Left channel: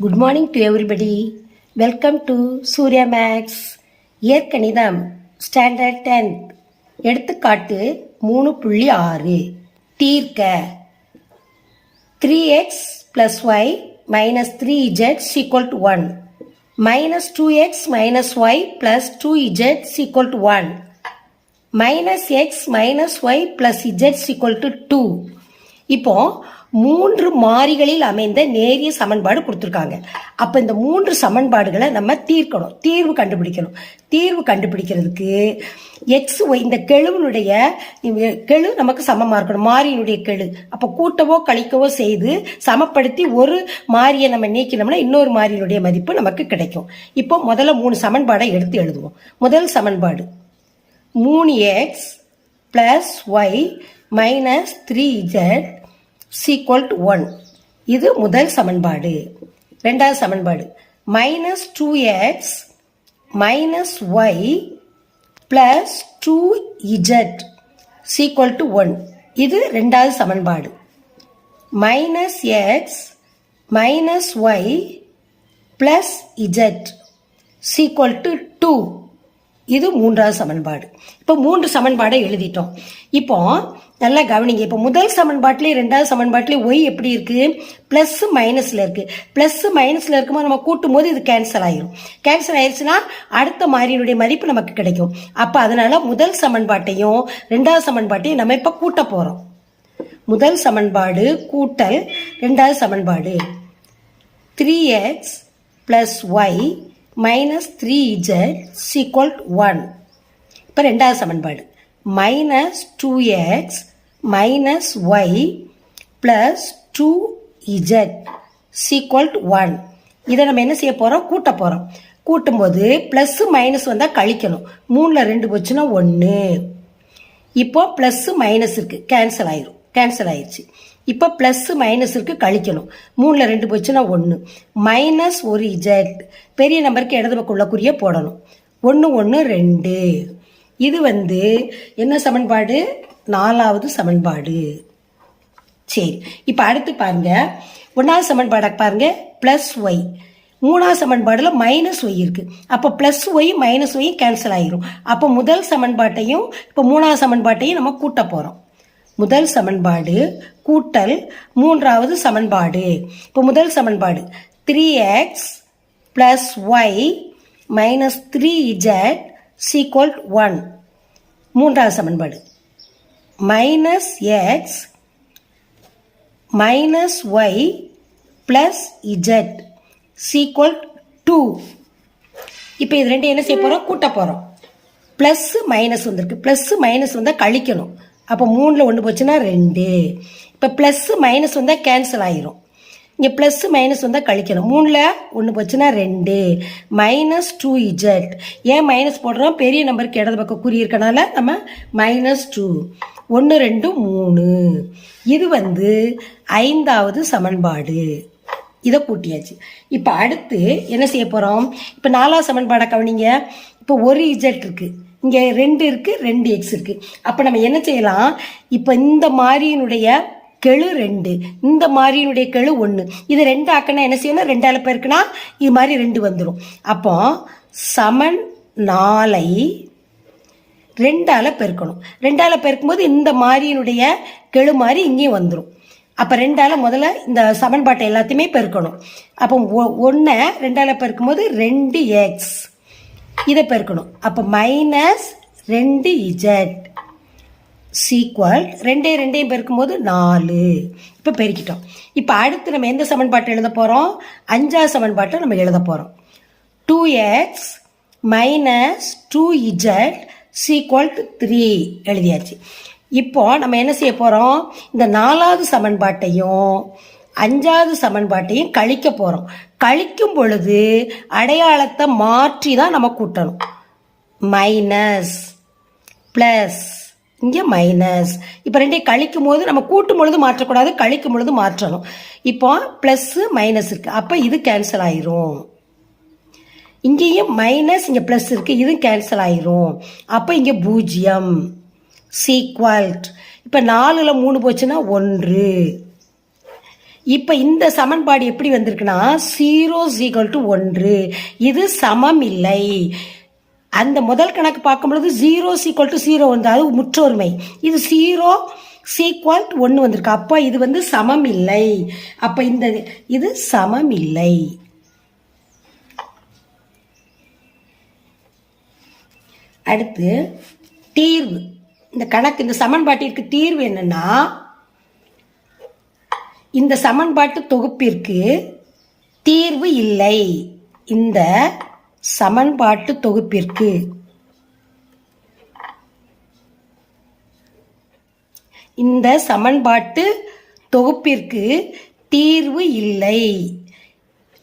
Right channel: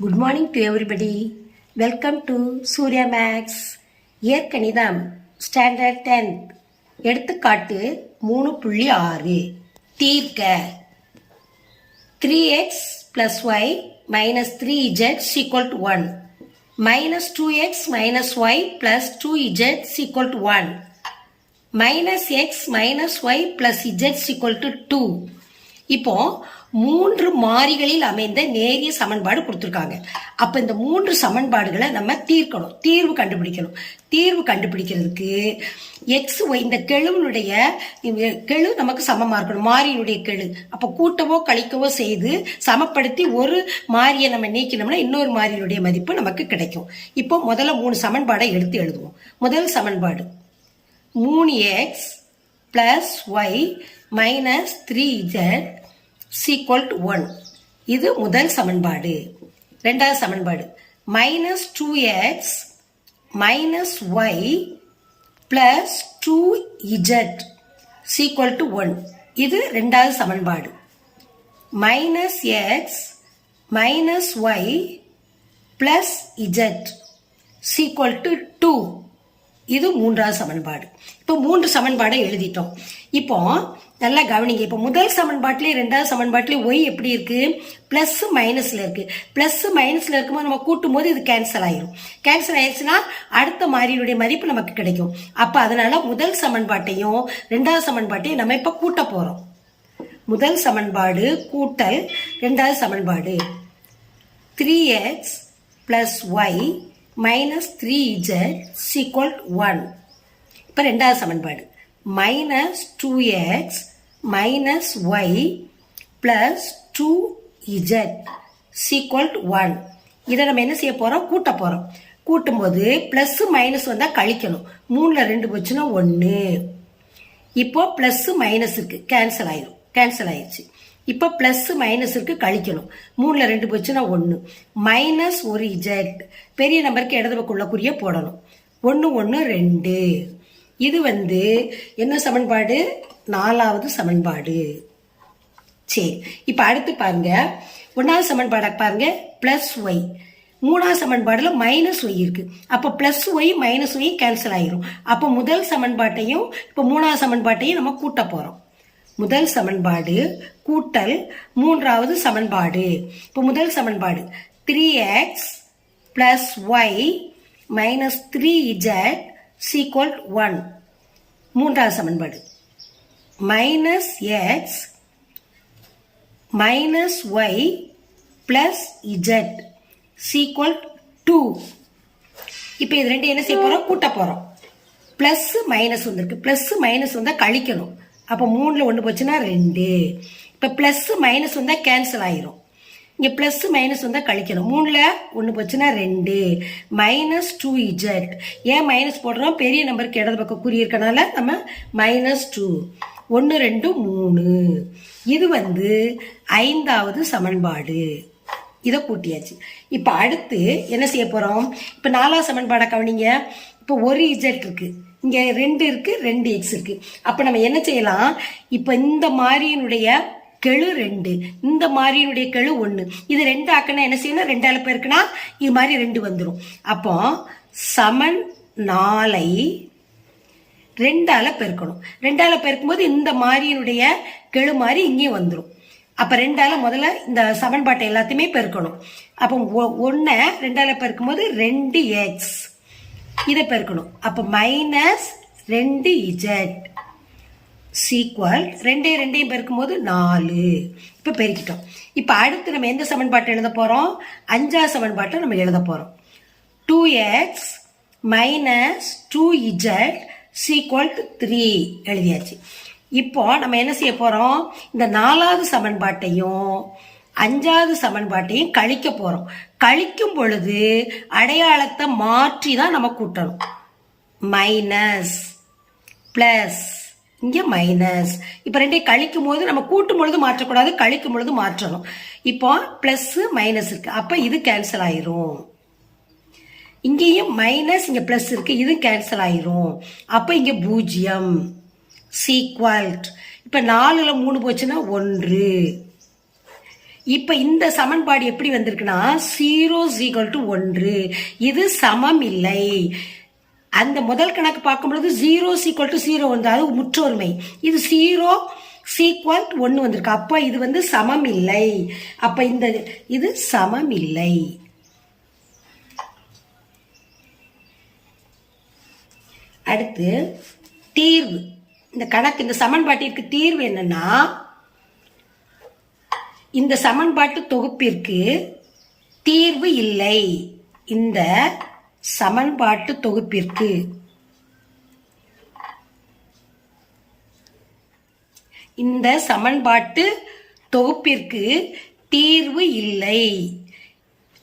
Good morning to everybody welcome to Surya maths இயற்கணிதம் standard tenth எடுத்துக்காட்டு மூணு புள்ளி ஆறு. தீர்க்க. Three x plus y minus three z is equal to one minus two x minus y plus two z is equal to one minus x minus y plus z is equal to two இப்போ மூன்று மாறிகளில் அமைந்த நேரிய சமன்பாடு கொடுத்துருக்காங்க. அப்போ இந்த மூன்று சமன்பாடுகளை நம்ம தீர்க்கணும். தீர்வு கண்டுபிடிக்கணும். தீர்வு கண்டுபிடிக்கிறதுக்கு எக்ஸ் ஒய் இந்த கெழுவினுடைய கெழு நமக்கு சமமாக இருக்கணும். மாறியினுடைய கெழு. அப்போ கூட்டவோ கழிக்கவோ செய்து சமப்படுத்தி ஒரு மாறியை நம்ம நீக்கினோம்னா இன்னொரு மாறியினுடைய மதிப்பு நமக்கு கிடைக்கும். இப்போ முதல்ல மூணு சமன்பாடை எடுத்து எழுதுவோம். முதல் சமன்பாடு. மூணு x plus y minus three z is equal to one இது முதல் சமன்பாடு. ரெண்டாவது சமன்பாடு. Minus two x minus y plus two z is equal to one இது ரெண்டாவது சமன்பாடு. Minus x minus y plus z is equal to two இது மூன்றாவது சமன்பாடு. இப்போ மூன்று சமன்பாடை எழுதிட்டோம். இப்போ நல்லா கவனிங்க. இப்போ முதல் சமன்பாட்டிலே ரெண்டாவது சமன்பாட்டிலே ஒய் எப்படி இருக்கு? பிளஸ் மைனஸ்ல இருக்கு. பிளஸ் மைனஸ்ல இருக்கும்போது நம்ம கூட்டும் போது இது கேன்சல் ஆயிரும். கேன்சல் ஆயிடுச்சுன்னா அடுத்த மாறியினுடைய மதிப்பு நமக்கு கிடைக்கும். அப்போ அதனால முதல் சமன்பாட்டையும் ரெண்டாவது சமன்பாட்டையும் நம்ம இப்போ கூட்ட போறோம். முதல் சமன்பாடு கூட்டல் ரெண்டாவது சமன்பாடு. Three x plus y minus three z is equal one இப்போ ரெண்டாவது சமன்பாடு. Minus two x minus y plus two z is equal one இதை நம்ம என்ன செய்ய போகிறோம் கூட்ட போகிறோம் கூட்டும்போது ப்ளஸ் மைனஸ் வந்தால் கழிக்கணும். மூணில் ரெண்டு போச்சுன்னா ஒன்று இப்போ ப்ளஸ் மைனஸ் இருக்கு. கேன்சல் ஆயிரும். கேன்சல் ஆயிடுச்சு. இப்போ ப்ளஸ் மைனஸ் இருக்கு கழிக்கணும். மூணில் ரெண்டு போச்சுன்னா ஒன்று மைனஸ் ஒரு இஜெட் பெரிய நம்பருக்கு இடது பக்கம் உள்ள குறிய போடணும். ஒன்று ஒன்று ரெண்டு. இது வந்து என்ன சமன்பாடு? நாலாவது சமன்பாடு. சரி. இப்போ அடுத்து பாருங்க. ஒன்றாவது சமன்பாடை பாருங்க. ப்ளஸ் ஒய் மூணாவது சமன்பாடில் மைனஸ் ஒய் இருக்கு. அப்போ plus y minus y cancel ஆகிரும் அப்போ முதல் சமன்பாட்டையும் இப்போ மூணாவது சமன்பாட்டையும் நம்ம கூட்ட போகிறோம் முதல் சமன்பாடு கூட்டல் மூன்றாவது சமன்பாடு. இப்போ முதல் சமன்பாடு three x plus y minus three z is equal one மூன்றாவது சமன்பாடு minus x minus y plus z is equal two இப்போ இது ரெண்டு என்ன செய்ய போகிறோம் கூட்ட போகிறோம் ப்ளஸ் மைனஸ் வந்திருக்கு. ப்ளஸ் மைனஸ் வந்தால் கழிக்கணும். அப்போ மூணில் ஒன்று போச்சுன்னா ரெண்டு. இப்போ ப்ளஸ்ஸு மைனஸ் வந்தால் கேன்சல் ஆயிரும். இங்கே ப்ளஸ்ஸு மைனஸ் வந்தால் கழிக்கணும். மூணில் ஒன்று போச்சுன்னா ரெண்டு. மைனஸ் டூ இஜட் ஏன் மைனஸ் போடுறோம்? பெரிய நம்பருக்கு இடது பக்கம் குறி இருக்கனால நம்ம மைனஸ் டூ ஒன்று ரெண்டு மூணு. இது வந்து ஐந்தாவது சமன்பாடு. இதை கூட்டியாச்சு. இப்போ அடுத்து என்ன செய்ய போகிறோம் இப்போ நாலாவது சமன்பாடை கவனிங்க. இப்போ ஒரு இஜெட் இருக்குது இங்கே ரெண்டு இருக்குது ரெண்டு எக்ஸ் இருக்குது அப்போ நம்ம என்ன செய்யலாம்? இப்போ இந்த மாதிரியினுடைய கெழு ரெண்டு இந்த மாதிரியினுடைய கெழு ஒன்று இது ரெண்டு ஆக்கணும் என்ன செய்யணும் ரெண்டால பேருக்குன்னா இது மாதிரி ரெண்டு வந்துடும் அப்போ சமன் நாளை ரெண்டால பெருக்கணும் ரெண்டால பெருக்கும்போது இந்த மாதிரியினுடைய கெழு மாதிரி இங்கேயும் வந்துடும் அப்போ ரெண்டால் முதல்ல இந்த சமன்பாட்டை எல்லாத்தையுமே பெருக்கணும். அப்போ ஒன்றை ரெண்டால பெருக்கும்போது ரெண்டு எக்ஸ் இதை பெருக்கணும். அப்போ மைனஸ் ரெண்டு இஜட் சீக்வல் ரெண்டே ரெண்டையும் பெருக்கும்போது நாலு. இப்போ பெருக்கிட்டோம். இப்போ அடுத்து நம்ம எந்த சமன்பாட்டை எழுத போகிறோம் அஞ்சாவது சமன்பாட்டை நம்ம எழுத போகிறோம் two x minus two z is equal to three எழுதியாச்சு. இப்போ நம்ம என்ன செய்ய போகிறோம் இந்த நாலாவது சமன்பாட்டையும் அஞ்சாவது சமன்பாட்டையும் கழிக்க போகிறோம் கழிக்கும் பொழுது அடையாளத்தை மாற்றி தான் நம்ம கூட்டணும். மைனஸ் ப்ளஸ் இங்கே மைனஸ் இப்போ ரெண்டையும் கழிக்கும் போது நம்ம கூட்டும் பொழுது மாற்றக்கூடாது கழிக்கும் பொழுது மாற்றணும். இப்போ ப்ளஸ்ஸு மைனஸ் இருக்குது அப்போ இது கேன்சல் ஆயிரும். இங்கேயும் மைனஸ் இங்கே ப்ளஸ் இருக்குது இது கேன்சல் ஆயிரும். அப்போ இங்கே பூஜ்ஜியம். சீக்வல்ட் இப்போ நாலில் மூணு போச்சுன்னா ஒன்று. இப்போ இந்த சமன்பாடு எப்படி வந்திருக்குன்னா ஜீரோ ஈக்குவல் டு ஒன்று. இது சமம் இல்லை. அந்த முதல் கணக்கு பார்க்கும்பொழுது ஜீரோ சீக்வல் டு ஜீரோ வந்து அது முற்றொருமை. இது ஜீரோ சீக்வல் ஒன்று வந்திருக்கு. அப்போ இது வந்து சமம் இல்லை. அப்போ இந்த இது சமம் இல்லை. அடுத்து தீர்வு. இந்த கணக்கு இந்த சமன்பாட்டிற்கு தீர்வு என்னன்னா இந்த சமன்பாட்டு தொகுப்பிற்கு தீர்வு இல்லை. இந்த சமன்பாட்டு தொகுப்பிற்கு. இந்த சமன்பாட்டு தொகுப்பிற்கு தீர்வு இல்லை.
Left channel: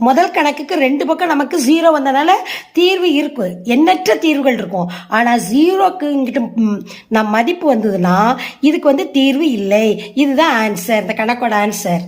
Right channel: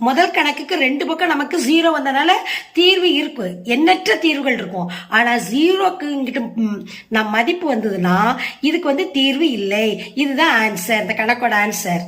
முதல் கணக்குக்கு ரெண்டு பக்கம் நமக்கு ஜீரோ வந்தனால தீர்வு இருக்கு எண்ணற்ற தீர்வுகள் இருக்கும். ஆனால் ஜீரோக்கு இங்கிட்ட நம் மதிப்பு வந்ததுன்னா இதுக்கு வந்து தீர்வு இல்லை. இதுதான் ஆன்சர் இந்த கணக்கோட ஆன்சர்